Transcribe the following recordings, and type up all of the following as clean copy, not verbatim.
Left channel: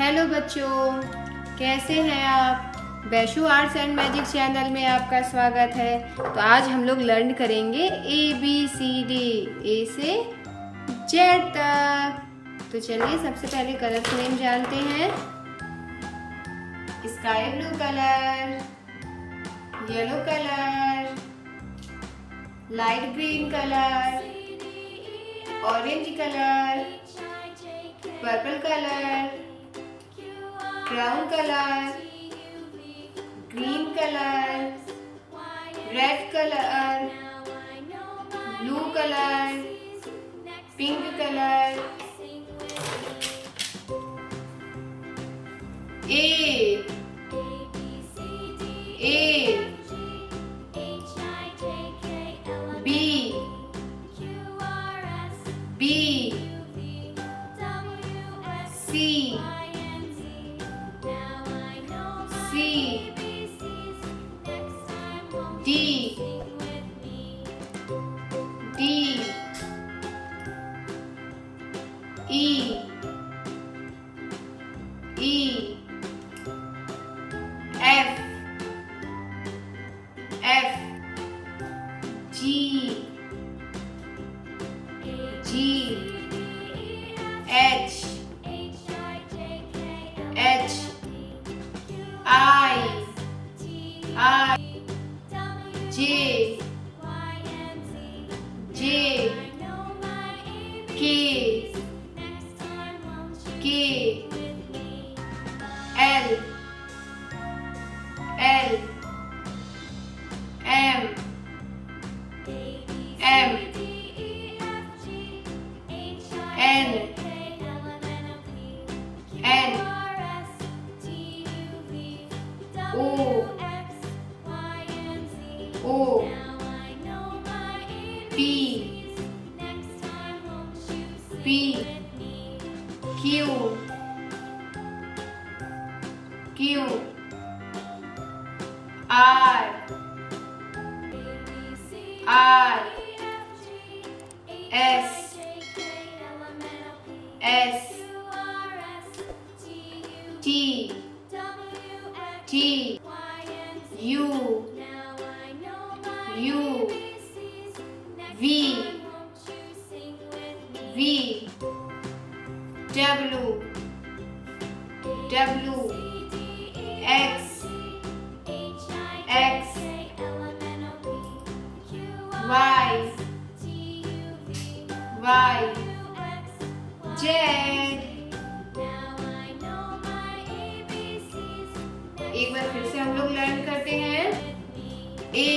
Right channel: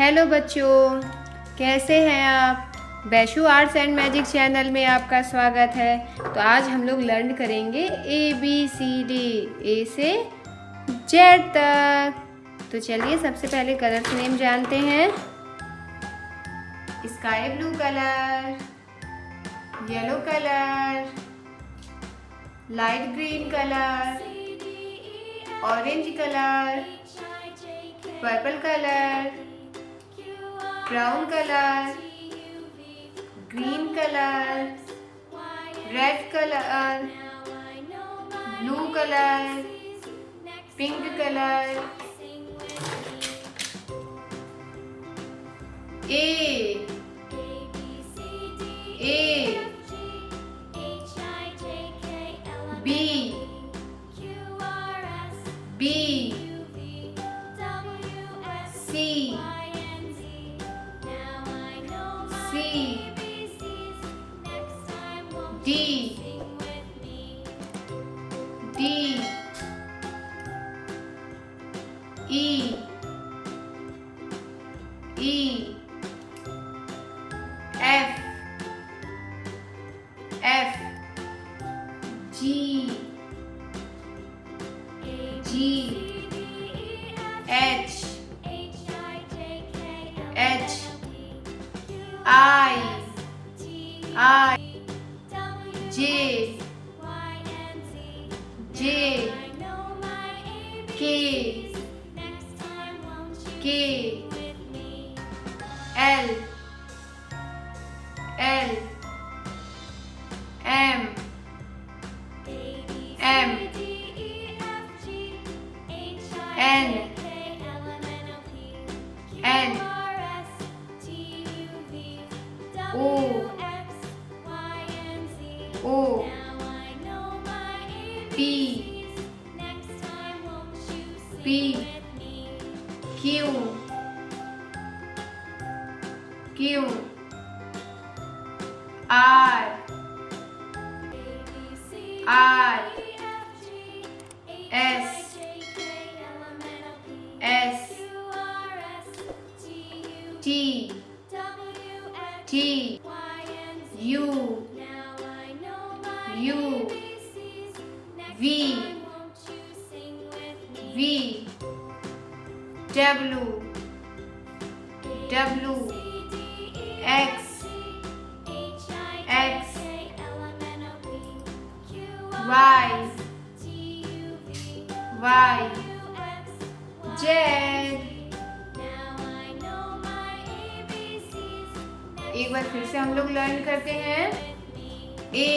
हेलो बच्चों, कैसे हैं आप। Vaishu arts and magic channel में आपका स्वागत है। तो आज हम लोग लर्न करेंगे ABCD, ए से जेड तक। तो चलिए सबसे पहले कलर्स नेम जानते हैं। Sky blue colour, yellow colour, light green colour, orange colour, purple colour, brown colour, green colour, red colour, blue colour, pink colour. A B B C D D E E F F G G H H I J J K K L L M M N N O O P P Q Q R R S S T T U U V V W W X X Y Y Z। एक बार फिर से हम लोग लर्न करते हैं। A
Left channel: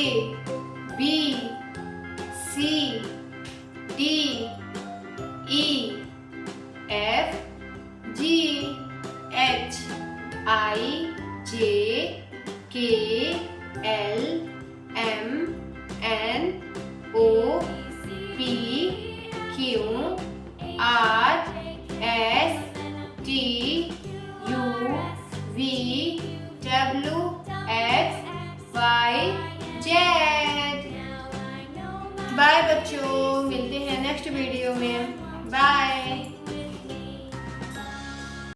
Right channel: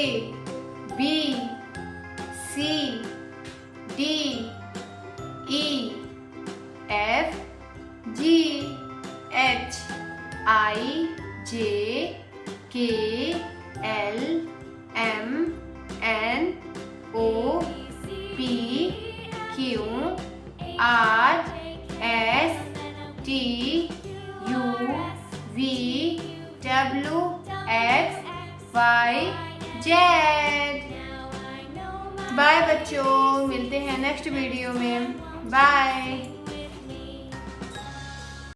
B C D E F G H I J K L M N O P Q R S T U V W X Y Z। Bye बच्चों, मिलते हैं नेक्स्ट वीडियो में। बाय।